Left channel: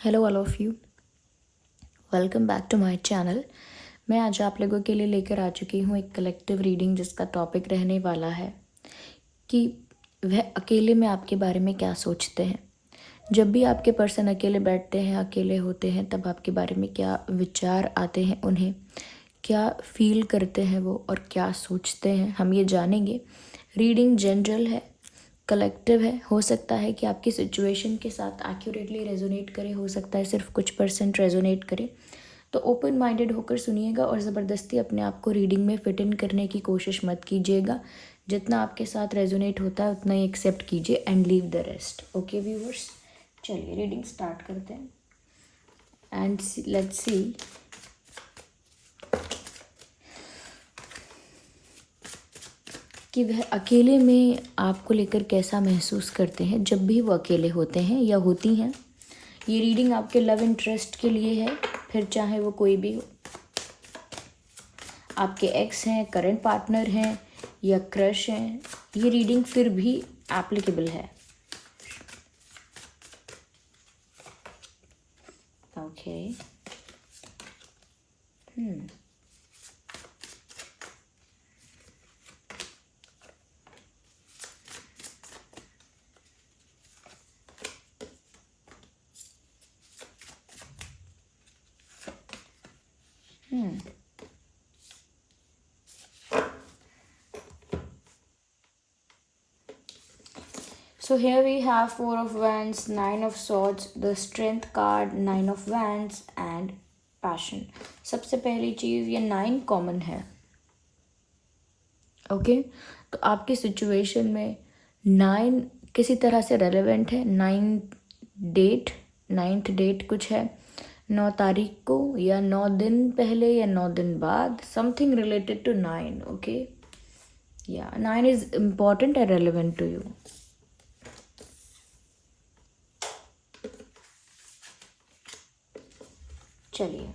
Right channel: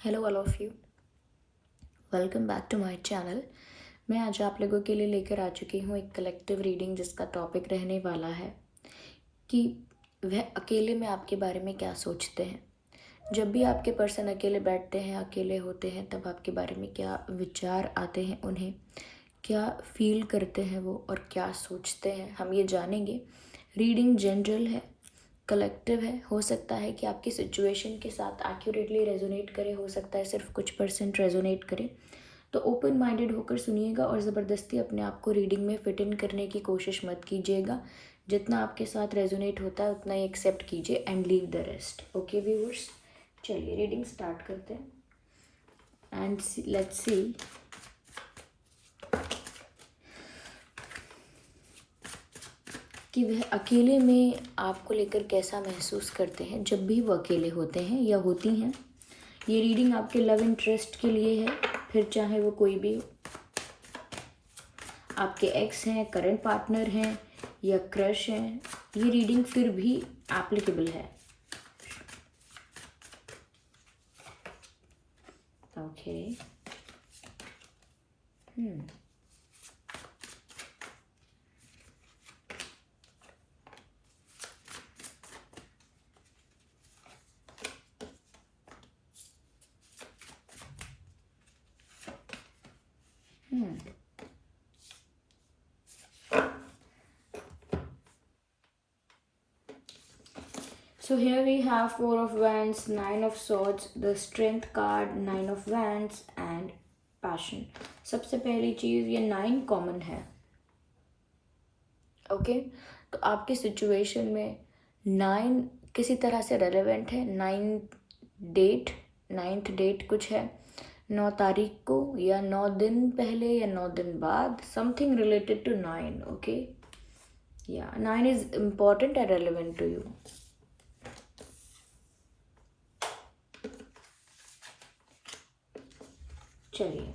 Hello all of you, welcome back to my channel. मैं आज आप लोगों के लिए लेकर आ चुकी हूँ एक कलेक्टिव रीडिंग जिसका टॉपिक रहने वाला है कि वह अकेले में आपके बारे में क्या सोचते हैं। जब भी आपके पर्सन अकेले बैठते हैं, अकेले होते हैं, तब आपके बारे में क्या विचार आते हैं, उन्हें क्या फील करते हैं वो और क्या सोचते हैं, हम ये जानेंगे। रीडिंग जनरल है, कलेक्टिव है। हो सकता है कि आपकी सिचुएशन के साथ एक्यूरेटली रेजोनेट करे, हो सकता है सिर्फ कुछ परसेंट रेजोनेट करे। तो ओपन माइंडेड होकर सुनिएगा और ज़बरदस्ती अपने आप को रीडिंग में फिट इन करने की कोशिश मत कीजिएगा। जितना आपके साथ रेजोनेट होता है उतना ही एक्सेप्ट कीजिए and leave the rest. Okay viewers, चलिए रीडिंग स्टार्ट करते हैं एंड लेट्स सी कि वह अकेले में आपको लेकर कैसा महसूस करते हैं जब भी वो अकेले होते हैं या होती हैं। ये रीडिंग आपके लव इंटरेस्ट के लिए है, फिर चाहे वो कोई भी हो, आपके एक्स हैं, करंट पार्टनर हैं या क्रश हैं, ये रीडिंग फिर भी एप्लीकेबल है। Okay So here we have Four of Wands, Nine of Swords, the Strength card, Nine of Wands and Passion. सबसे पहली चीज़ ये 9 कॉमन है। ओके तो आपकी सिचुएशन में 9 किसी तरह से रेलेवेंट है। 9th डेट कुछ है 9 तारीख को या 9 दिन पहले या 9 दिन बाद, समथिंग रिलेटेड टू 9। ओके या 9 is important and relevant to you. चलिए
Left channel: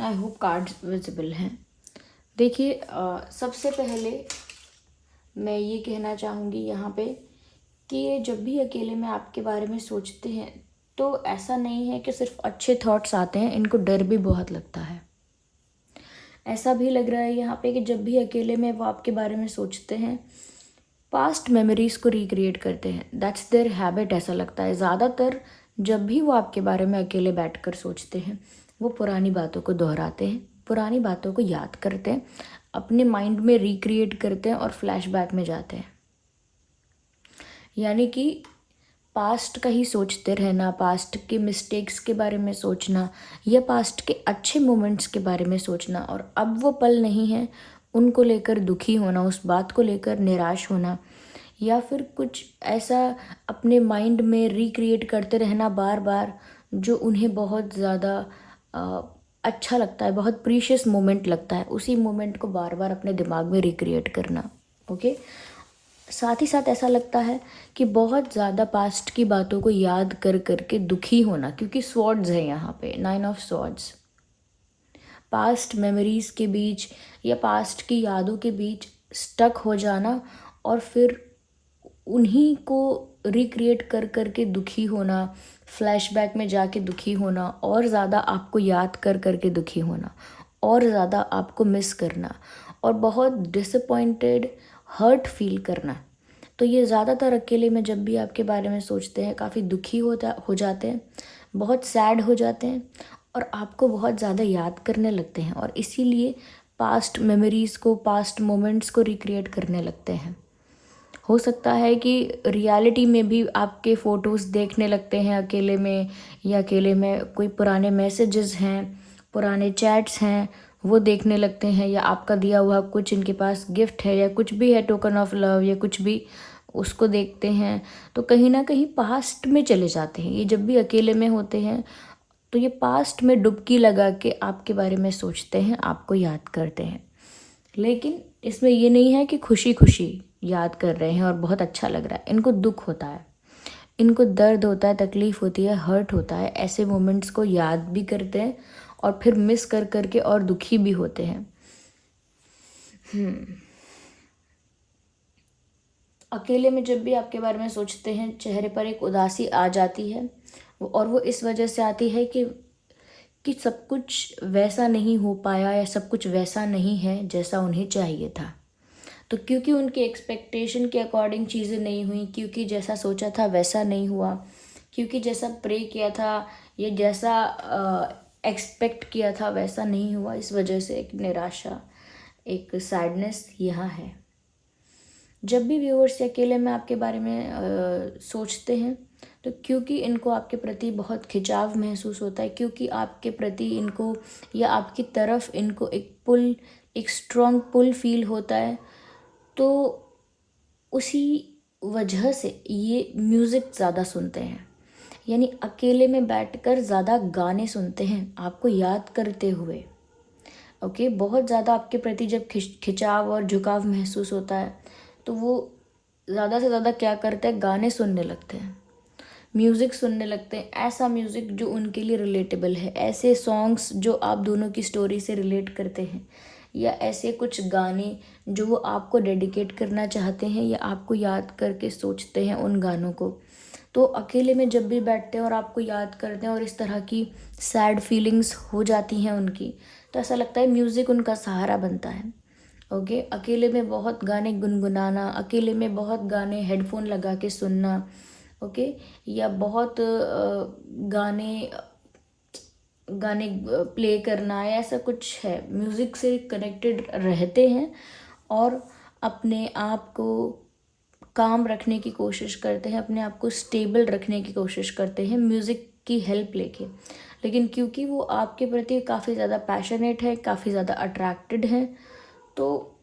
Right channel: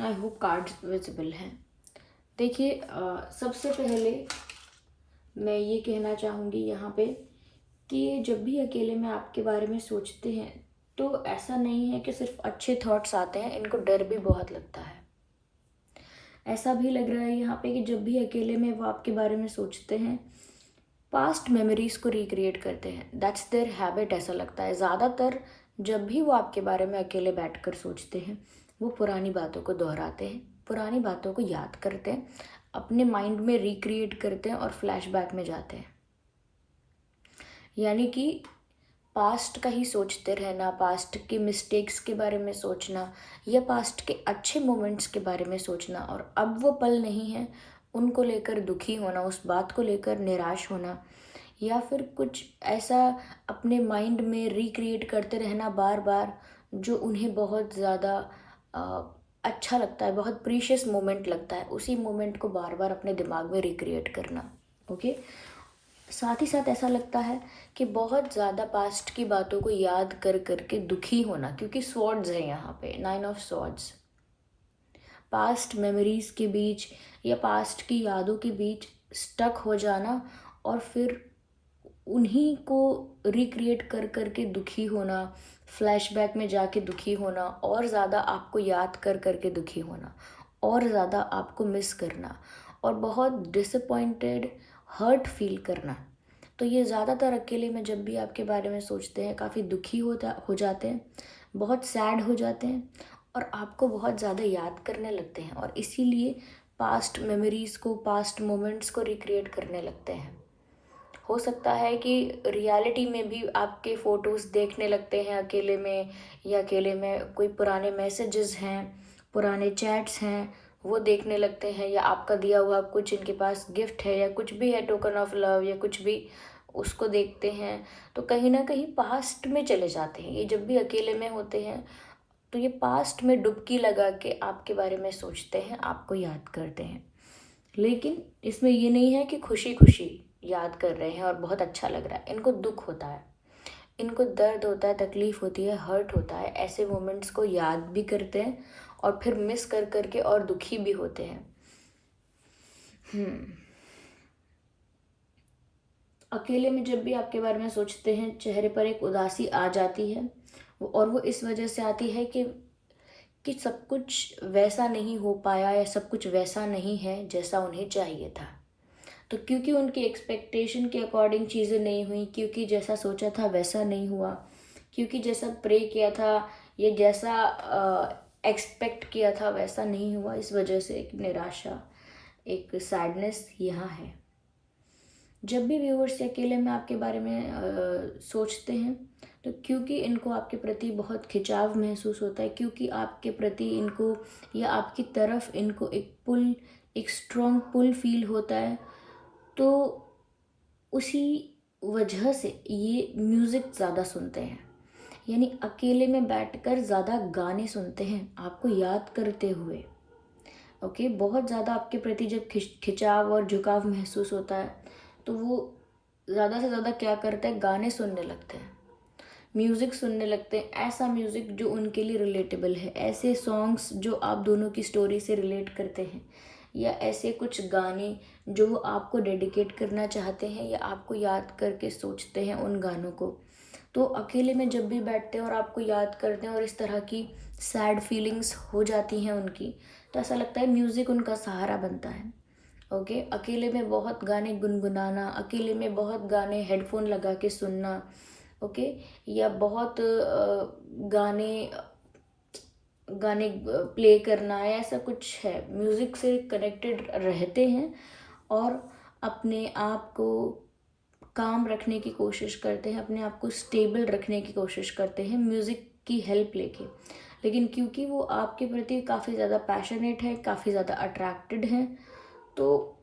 आई होप कार्ड्स विजिबल हैं। देखिए सबसे पहले मैं ये कहना चाहूँगी यहाँ पे कि ये जब भी अकेले में आपके बारे में सोचते हैं तो ऐसा नहीं है कि सिर्फ अच्छे थॉट्स आते हैं, इनको डर भी बहुत लगता है। ऐसा भी लग रहा है यहाँ पे कि जब भी अकेले में वो आपके बारे में सोचते हैं, पास्ट मेमोरीज को रिक्रिएट करते हैं। That's there habit. ऐसा लगता है ज़्यादातर जब भी वो आपके बारे में अकेले बैठकर सोचते हैं, वो पुरानी बातों को दोहराते हैं, पुरानी बातों को याद करते हैं, अपने माइंड में रिक्रिएट करते हैं और फ्लैशबैक में जाते हैं। यानी कि पास्ट का ही सोचते रहना, पास्ट के मिस्टेक्स के बारे में सोचना या पास्ट के अच्छे मोमेंट्स के बारे में सोचना, और अब वो पल नहीं है उनको लेकर दुखी होना, उस बात को लेकर निराश होना, या फिर कुछ ऐसा अपने माइंड में रिक्रिएट करते रहना बार बार जो उन्हें बहुत ज़्यादा अच्छा लगता है, बहुत प्रीशियस मोमेंट लगता है, उसी मोमेंट को बार बार अपने दिमाग में रिक्रिएट करना। ओके साथ ही साथ ऐसा लगता है कि बहुत ज़्यादा पास्ट की बातों को याद कर करके दुखी होना, क्योंकि स्वॉर्ड्स है यहाँ पे, 9 ऑफ स्वॉर्ड्स। पास्ट मेमोरीज के बीच या पास्ट की यादों के बीच स्टक हो जाना और फिर उन्हीं को रिक्रिएट कर करके दुखी होना, फ्लैशबैक में जाके दुखी होना, और ज़्यादा आपको याद कर करके दुखी होना, और ज़्यादा आपको मिस करना, और बहुत डिसअपॉइंटेड, हर्ट फील करना। तो ये ज़्यादातर अकेले में जब भी आपके बारे में सोचते हैं काफ़ी दुखी हो जाते हैं, बहुत सैड हो जाते हैं और आपको बहुत ज़्यादा याद करने लगते हैं, और इसीलिए पास्ट मेमोरीज़ को, पास्ट मोमेंट्स को रिक्रिएट करने लगते हैं। हो सकता है कि रियलिटी में भी आपके फ़ोटोज़ देखने लगते हैं अकेले में, या अकेले में कोई पुराने मैसेजेस हैं, पुराने चैट्स हैं, वो देखने लगते हैं, या आपका दिया हुआ कुछ इनके पास गिफ्ट है या कुछ भी है, टोकन ऑफ लव या कुछ भी, उसको देखते हैं। तो कहीं ना कहीं पास्ट में चले जाते हैं। ये जब भी अकेले में होते हैं तो ये पास्ट में डुबकी लगा के आपके बारे में सोचते हैं, आपको याद करते हैं। लेकिन इसमें ये नहीं है कि खुशी खुशी याद कर रहे हैं और बहुत अच्छा लग रहा है, इनको दुख होता है। इनको दर्द होता है, तकलीफ़ होती है, हर्ट होता है, ऐसे मोमेंट्स को याद भी करते हैं और फिर मिस कर करके और दुखी भी होते हैं। अकेले में जब भी आपके बारे में सोचते हैं, चेहरे पर एक उदासी आ जाती है, और वो इस वजह से आती है कि सब कुछ वैसा नहीं हो पाया या सब कुछ वैसा नहीं है जैसा उन्हें चाहिए था। तो क्योंकि उनकी एक्सपेक्टेशन के अकॉर्डिंग चीज़ें नहीं हुई, क्योंकि जैसा सोचा था वैसा नहीं हुआ, क्योंकि जैसा प्रे किया था या जैसा एक्सपेक्ट किया था वैसा नहीं हुआ, इस वजह से एक निराशा, एक सैडनेस यहाँ है। जब भी व्यूअर्स अकेले में आपके बारे में सोचते हैं, तो क्योंकि इनको आपके प्रति बहुत खिंचाव महसूस होता है, क्योंकि आपके प्रति इनको या आपकी तरफ इनको एक स्ट्रॉन्ग पुल फील होता है, तो उसी वजह से ये म्यूज़िक ज़्यादा सुनते हैं। यानी अकेले में बैठकर ज़्यादा गाने सुनते हैं आपको याद करते हुए। ओके, बहुत ज़्यादा आपके प्रति जब खिंचाव और झुकाव महसूस होता है, तो वो ज़्यादा से ज़्यादा क्या करते हैं, गाने सुनने लगते हैं, म्यूज़िक सुनने लगते हैं, ऐसा म्यूज़िक जो उनके लिए रिलेटेबल है, ऐसे सॉन्ग्स जो आप दोनों की स्टोरी से रिलेट करते हैं, या ऐसे कुछ गाने जो वो आपको डेडिकेट करना चाहते हैं या आपको याद करके सोचते हैं उन गानों को। तो अकेले में जब भी बैठते हैं और आपको याद करते हैं और इस तरह की सैड फीलिंग्स हो जाती हैं उनकी, तो ऐसा लगता है म्यूज़िक उनका सहारा बनता है। ओके, अकेले में बहुत गाने गुनगुनाना, अकेले में बहुत गाने हेडफोन लगा के सुनना, ओके, या बहुत गाने गाने प्ले करना, या ऐसा कुछ है, म्यूज़िक से कनेक्टेड रहते हैं और अपने आप को काम रखने की कोशिश करते हैं, अपने आप को स्टेबल रखने की कोशिश करते हैं म्यूज़िक की हेल्प लेके। लेकिन क्योंकि वो आपके प्रति काफ़ी ज़्यादा पैशनेट है, काफ़ी ज़्यादा अट्रैक्टेड हैं, तो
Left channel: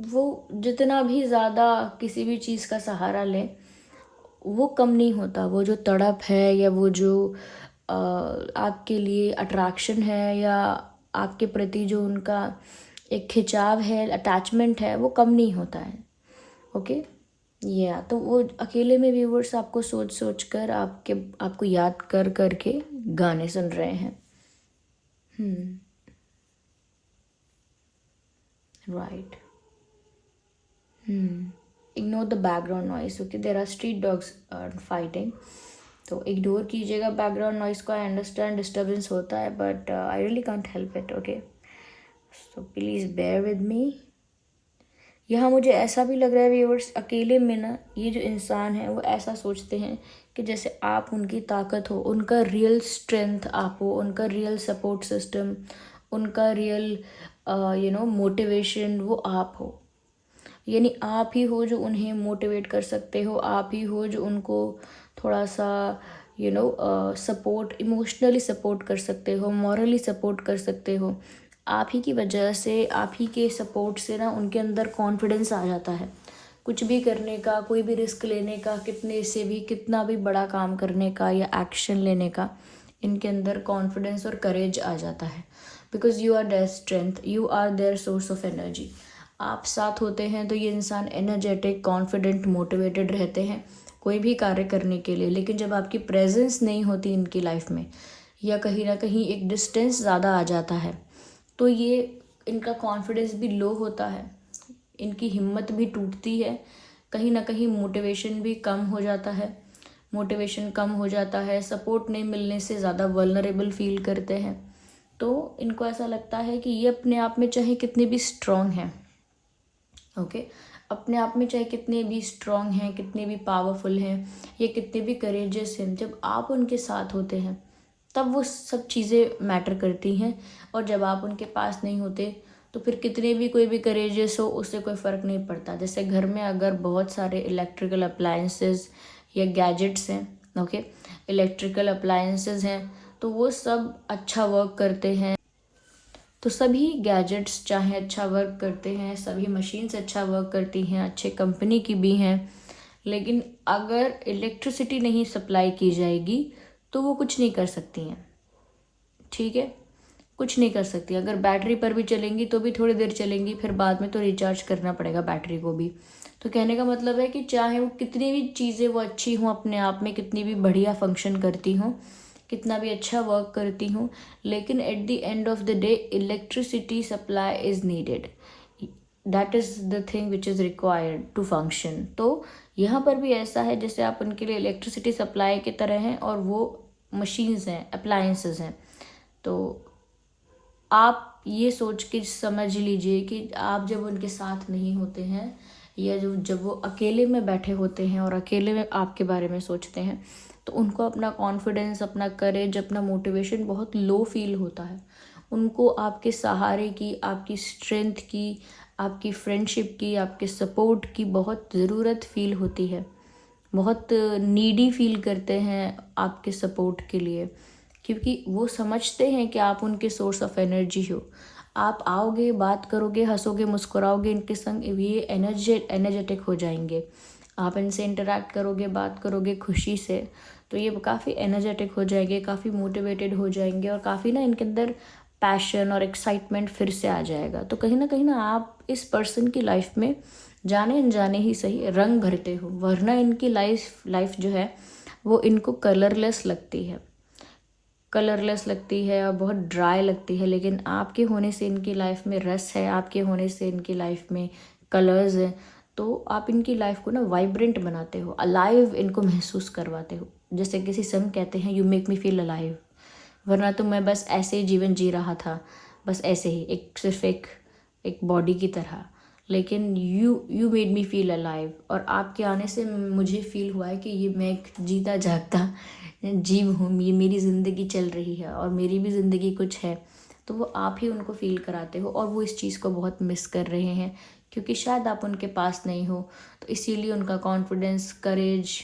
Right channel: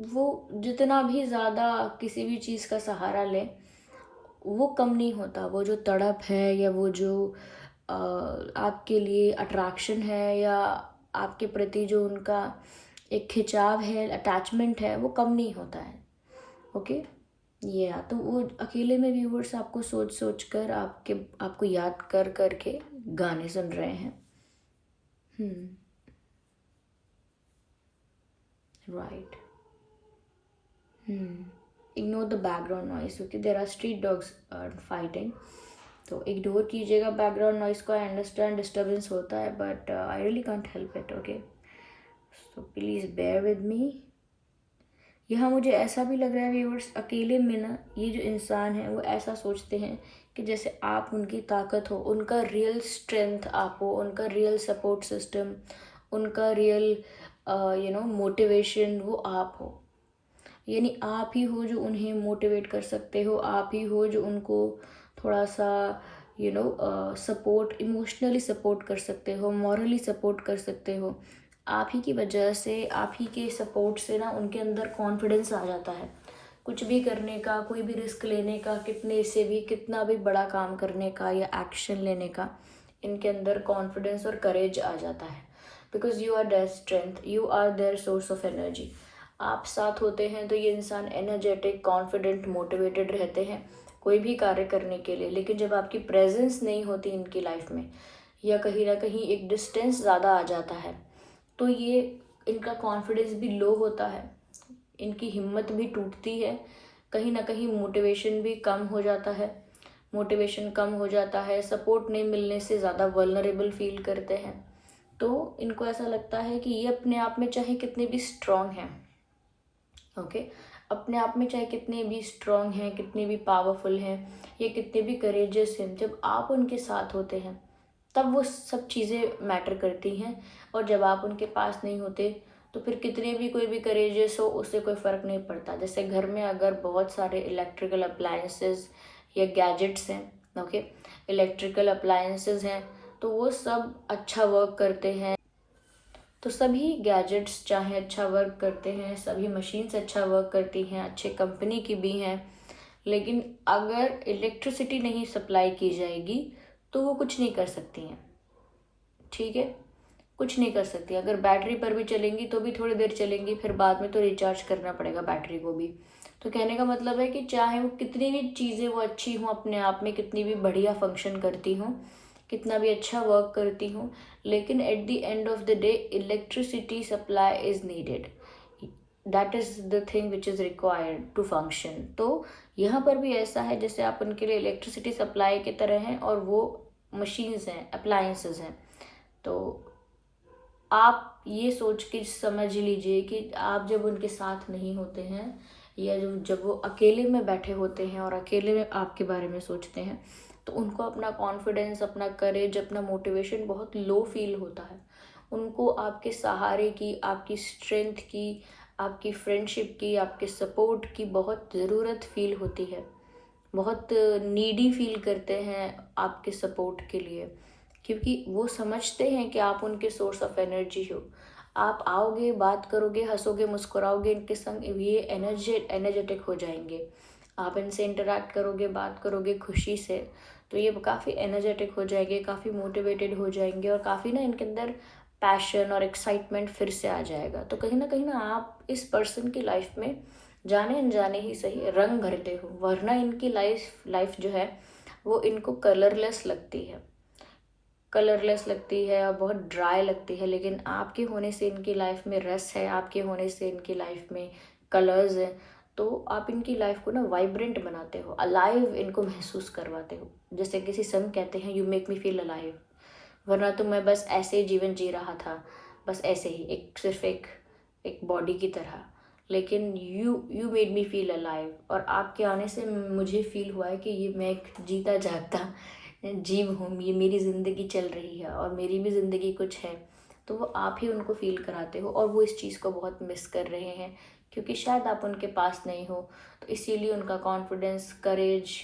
वो जितना भी ज़्यादा किसी भी चीज़ का सहारा लें, वो कम नहीं होता। वो जो तड़प है या वो जो आपके लिए अट्रैक्शन है या आपके प्रति जो उनका एक खिंचाव है, अटैचमेंट है, वो कम नहीं होता है। ओके, तो वो अकेले में व्यूवर्स आपको सोच सोच कर आपको याद कर कर के गाने सुन रहे हैं। Right. Ignore the background noise. Okay, there are street dogs fighting, तो इग्नोर कीजिएगा बैकग्राउंड नॉइस को। आई अंडरस्टैंड डिस्टर्बेंस होता है, but I really can't help it. Okay, so please bear with me. यहाँ मुझे ऐसा भी लग रहा है व्यूअर्स, अकेले में ना ये जो इंसान है वो ऐसा सोचते हैं कि जैसे आप उनकी ताकत हो, उनका रियल स्ट्रेंथ आप हो, उनका रियल सपोर्ट सिस्टम, उनका रियल मोटिवेशन वो आप हो। यानी आप ही हो जो उन्हें मोटिवेट कर सकते हो, आप ही हो जो उनको थोड़ा सा सपोर्ट, इमोशनली सपोर्ट कर सकते हो, मॉरली सपोर्ट कर सकते हो। आप ही की वजह से, आप ही के सपोर्ट से ना उनके अंदर कॉन्फिडेंस आ जाता है, कुछ भी करने का, कोई भी रिस्क लेने का, कितना भी बड़ा काम करने का या एक्शन लेने का, इनके अंदर कॉन्फिडेंस और करेज आ जाता है। Because you are their strength, you are their source of energy. आप साथ होते हैं तो ये इंसान एनर्जेटिक, कॉन्फिडेंट, मोटिवेटेड रहते हैं कोई भी कार्य करने के लिए। लेकिन जब आपकी प्रेजेंस नहीं होती इनकी लाइफ में, या कहीं ना कहीं एक डिस्टेंस ज़्यादा आ जाता है, तो ये इनका कॉन्फिडेंस भी लो होता है, इनकी हिम्मत भी टूटती है, कहीं ना कहीं मोटिवेशन भी कम हो जाता है। मोटिवेशन कम हो जाता है, सपोर्ट नहीं मिलने से ज़्यादा वल्नरेबल फील करते हैं। तो इनको ऐसा लगता है कि ये अपने आप में चाहे कितने भी स्ट्रॉन्ग हैं, ओके, अपने आप में चाहे कितने भी स्ट्रॉन्ग हैं, कितने भी पावरफुल हैं, ये कितने भी करेजियस हैं, जब आप उनके साथ होते हैं तब वो सब चीज़ें मैटर करती हैं। और जब आप उनके पास नहीं होते तो फिर कितने भी कोई भी करेजियस हो, उससे कोई फ़र्क नहीं पड़ता। जैसे घर में अगर बहुत सारे इलेक्ट्रिकल अप्लायंसेस या गैजेट्स हैं, ओके, इलेक्ट्रिकल अप्लायंसेस हैं, तो वो सब अच्छा वर्क करते हैं। तो सभी गैजेट्स चाहे अच्छा वर्क करते हैं, सभी मशीन्स अच्छा वर्क करती हैं, अच्छे कंपनी की भी हैं, लेकिन अगर इलेक्ट्रिसिटी नहीं सप्लाई की जाएगी तो वो कुछ नहीं कर सकती हैं। ठीक है, कुछ नहीं कर सकती। अगर बैटरी पर भी चलेंगी तो भी थोड़ी देर चलेंगी, फिर बाद में तो रिचार्ज करना पड़ेगा बैटरी को भी। तो कहने का मतलब है कि चाहे वो कितनी भी चीज़ें वो अच्छी हों अपने आप में, कितनी भी बढ़िया फंक्शन करती हों, कितना भी अच्छा वर्क करती हूँ, लेकिन at the end of the day electricity supply is needed, that is the thing which is required to function. तो यहाँ पर भी ऐसा है जैसे आप उनके लिए इलेक्ट्रिसिटी सप्लाई की तरह हैं और वो मशीन्स हैं, अप्लायंसेस हैं। तो आप ये सोच के समझ लीजिए कि आप जब उनके साथ नहीं होते हैं, या जब वो अकेले में बैठे होते हैं और अकेले में आपके बारे में सोचते हैं, तो उनको अपना कॉन्फिडेंस, अपना करेज, अपना मोटिवेशन बहुत लो फील होता है। उनको आपके सहारे की, आपकी स्ट्रेंथ की, आपकी फ्रेंडशिप की, आपके सपोर्ट की बहुत ज़रूरत फील होती है। बहुत नीडी फील करते हैं आपके सपोर्ट के लिए, क्योंकि वो समझते हैं कि आप उनके सोर्स ऑफ एनर्जी हो। आप आओगे, बात करोगे, हंसोगे, मुस्कुराओगे इनके संग, ये एनर्जेटिक हो जाएंगे। आप इनसे इंटरेक्ट करोगे, बात करोगे खुशी से, तो ये काफ़ी एनर्जेटिक हो जाएंगे, काफ़ी मोटिवेटेड हो जाएंगे, और काफ़ी ना इनके अंदर पैशन और एक्साइटमेंट फिर से आ जाएगा। तो कहीं ना आप इस पर्सन की लाइफ में जाने अनजाने ही सही रंग भरते हो, वरना इनकी लाइफ जो है वो इनको कलरलेस लगती है और बहुत ड्राई लगती है। लेकिन आपके होने से इनकी लाइफ में रस है, आपके होने से इनकी लाइफ में कलर्स हैं। तो आप इनकी लाइफ को ना वाइब्रेंट बनाते हो, अलाइव इनको महसूस करवाते हो। जैसे किसी संग कहते हैं, you make me feel alive, वरना तो मैं बस ऐसे ही जीवन जी रहा था, बस ऐसे ही सिर्फ एक बॉडी की तरह। लेकिन you made me feel alive, और आपके आने से मुझे फील हुआ है कि ये मैं एक जीता जागता जीव हूँ, ये मेरी ज़िंदगी चल रही है और मेरी भी ज़िंदगी कुछ है। तो वो आप ही उनको फील कराते हो, और वो इस चीज़ को बहुत मिस कर रहे हैं, क्योंकि शायद आप उनके पास नहीं हो। तो इसीलिए उनका कॉन्फिडेंस, करेज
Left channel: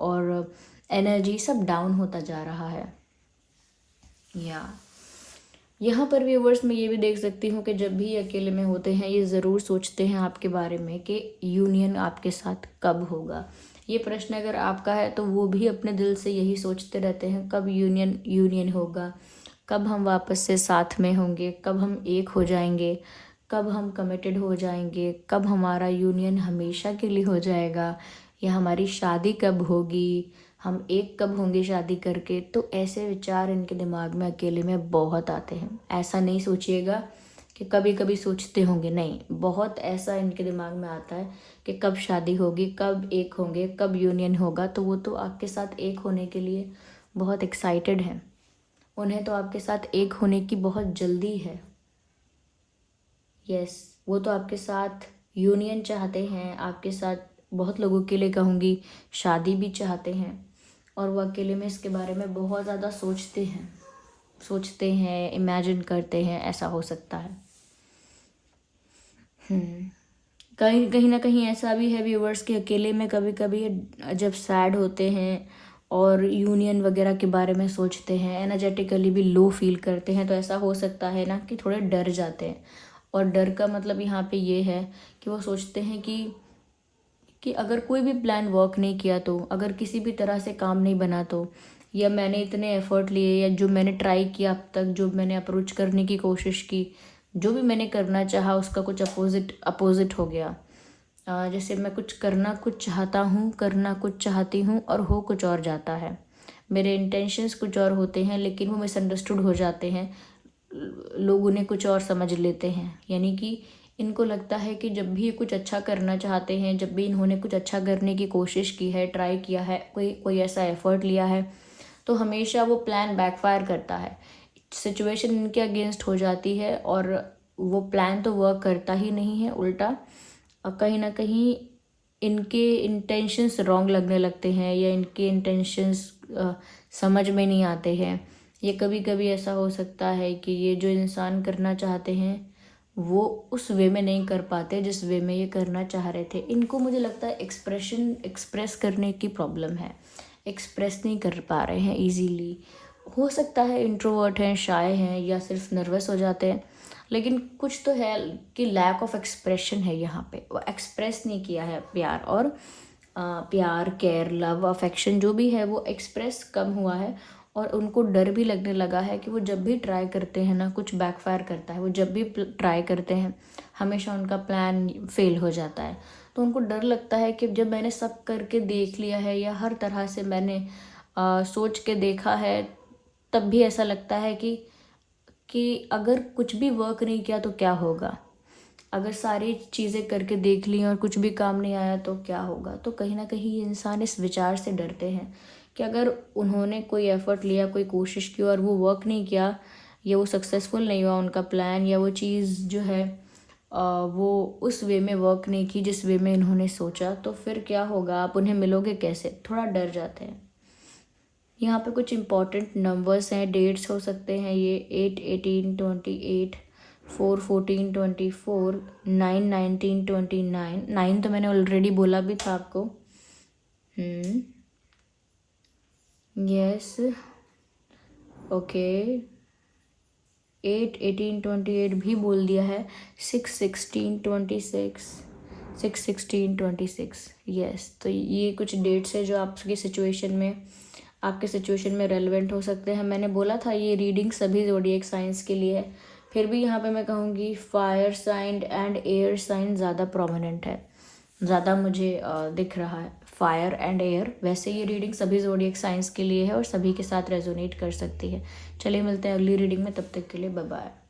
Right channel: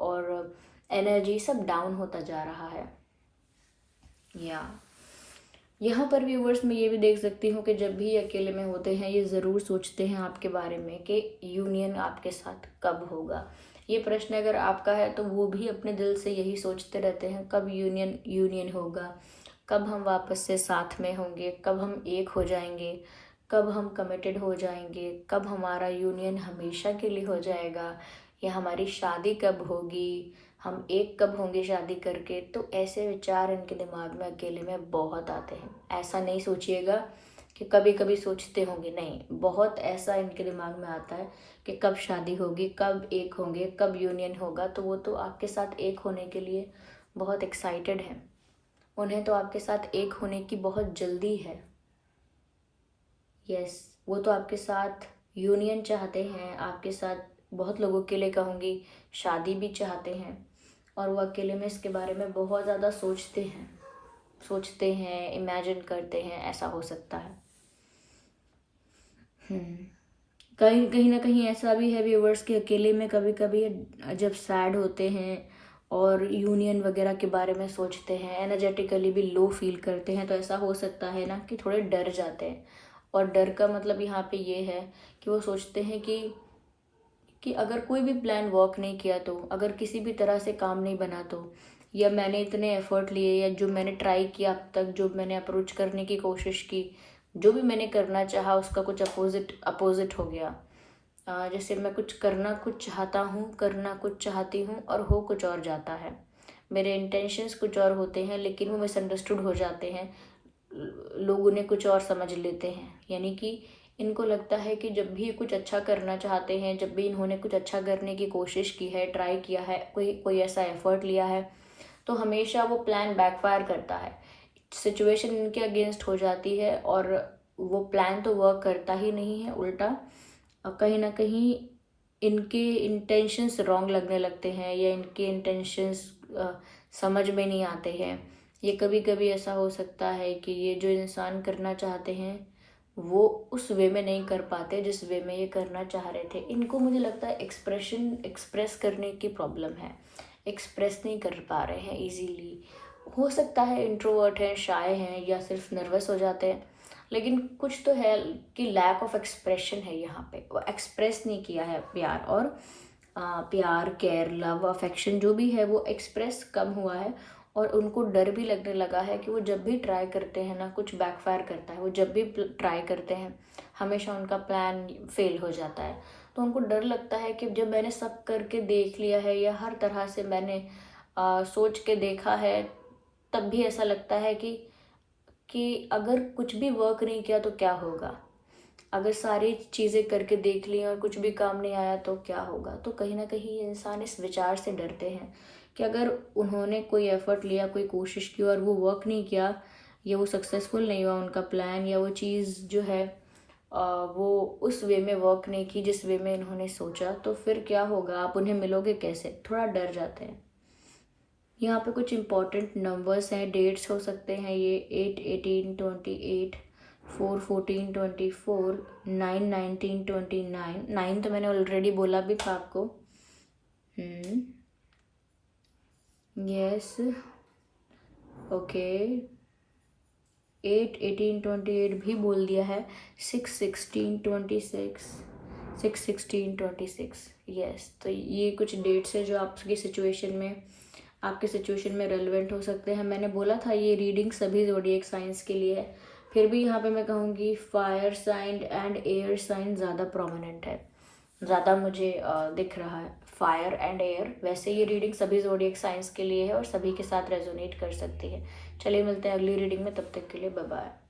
और एनर्जी सब डाउन होता जा रहा है। यहाँ पर व्यूवर्स मैं ये भी देख सकती हूँ कि जब भी अकेले में होते हैं, ये ज़रूर सोचते हैं आपके बारे में कि यूनियन आपके साथ कब होगा। ये प्रश्न अगर आपका है तो वो भी अपने दिल से यही सोचते रहते हैं, कब यूनियन होगा, कब हम वापस से साथ में होंगे, कब हम एक हो जाएंगे, कब हम कमिटेड हो जाएंगे, कब हमारा यूनियन हमेशा के लिए हो जाएगा, या हमारी शादी कब होगी, हम एक कब होंगे शादी करके। तो ऐसे विचार इनके दिमाग में अकेले में बहुत आते हैं। ऐसा नहीं सोचिएगा कि कभी कभी सोचते होंगे, नहीं, बहुत ऐसा इनके दिमाग में आता है कि कब शादी होगी, कब एक होंगे, कब यूनियन होगा। तो वो तो आपके साथ एक होने के लिए बहुत एक्साइटेड हैं, उन्हें तो आपके साथ एक होने की बहुत जल्दी है। यस, वो तो आपके साथ यूनियन चाहते हैं, आपके साथ बहुत लोगों के लिए कहूँगी शादी भी चाहते हैं, और वो अकेले में इसके बारे में बहुत ज़्यादा सोचते हैं, इमेजिन करते हैं, ऐसा हो सकता है। कहीं ना कहीं ऐसा भी है व्यूवर्स कि अकेले में कभी कभी जब सैड होते हैं और यूनियन वगैरह के बारे में सोचते हैं, एनर्जेटिकली भी लो फील करते हैं, तो ऐसा हो सकता है ना कि थोड़े डर जाते हैं। और डर का मतलब यहाँ पे ये है कि वो सोचते हैं कि अगर कोई भी प्लान वर्क नहीं किया, तो अगर किसी भी तरह से काम नहीं बना, तो या मैंने इतने एफर्ट लिए, या जो मैंने ट्राई किया अब तक, जो मैंने अप्रोच करने की कोशिश की, जो भी मैंने करना चाहा, उसका कुछ अपोजिट हो गया। जैसे मैं कुछ चाहता हूँ, करना कुछ चाहती हूँ, और हो कुछ और जाता है। मेरे इंटेंशंस कुछ और होते हैं, लेकिन वो मिसअंडरस्टूड हो जाते हैं, लोग उन्हें कुछ और समझ लेते हैं। यानी कि इनको लगता है कि जब भी ये कुछ अच्छा करना चाहते हैं, जब भी इन्होंने कुछ अच्छा करने की कोशिश की है, ट्राई किया है, कोई ऐसा एफर्ट लिया है, तो हमेशा वो प्लान बैकफायर करता है, सिचुएशन इनके अगेंस्ट हो जाती है, और वो प्लान तो वर्क करता ही नहीं है, उल्टा कहीं ना कहीं इनके इंटेंशंस रॉन्ग लगने लगते हैं, या इनके इंटेंशंस समझ में नहीं आते हैं। ये कभी कभी ऐसा हो सकता है कि ये जो इंसान करना चाहते हैं वो उस वे में नहीं कर पाते जिस वे में ये करना चाह रहे थे। इनको मुझे लगता है एक्सप्रेस करने की प्रॉब्लम है, एक्सप्रेस नहीं कर पा रहे हैं इजीली। हो सकता है इंट्रोवर्ट हैं, शाय हैं, या सिर्फ नर्वस हो जाते हैं, लेकिन कुछ तो है कि लैक ऑफ एक्सप्रेशन है यहाँ पे। वो एक्सप्रेस नहीं किया है प्यार, और प्यार, केयर, लव, अफेक्शन जो भी है वो एक्सप्रेस कम हुआ है। और उनको डर भी लगने लगा है कि वो जब भी ट्राई करते हैं ना, कुछ बैकफायर करता है। वो जब भी ट्राई करते हैं, हमेशा उनका प्लान फेल हो जाता है। तो उनको डर लगता है कि जब मैंने सब करके देख लिया है या हर तरह से मैंने सोच के देखा है, तब भी ऐसा लगता है कि अगर कुछ भी वर्क नहीं किया तो क्या होगा, अगर सारी चीज़ें करके देख ली और कुछ भी काम नहीं आया तो क्या होगा। तो कहीं ना कहीं इंसान इस विचार से डरते हैं कि अगर उन्होंने कोई एफर्ट लिया, कोई कोशिश की और वो वर्क नहीं किया, या वो सक्सेसफुल नहीं हुआ उनका प्लान, या वो चीज़ जो है वो उस वे में वर्क नहीं की जिस वे में इन्होंने सोचा, तो फिर क्या होगा, आप उन्हें मिलोगे कैसे, थोड़ा डर जाते हैं। यहाँ पे कुछ इंपॉर्टेंट नंबर्स हैं, डेट्स हो सकते हैं ये 8 18 28, 4 14 24, 9 19 29। 9 तो मैंने ऑलरेडी बोला भी था आपको। Yes, okay. 8 18 28 भी बोल दिया है। 6 16 26, 6 16 26। यस, तो ये कुछ डेट्स है जो आपके सिचुएशन में रेलेवेंट हो सकते हैं। मैंने बोला था ये रीडिंग सभी ज़ोडिएक साइंस के लिए है, फिर भी यहाँ पे मैं कहूँगी fire sign and air sign ज़्यादा प्रोमिनेंट है, ज़्यादा मुझे दिख रहा है फायर एंड एयर। वैसे ये रीडिंग सभी ज़ोडिएक साइंस के लिए है और सभी के साथ रेजोनेट कर सकती है। चलिए मिलते हैं अगली रीडिंग में, तब तक के लिए बाय बाय।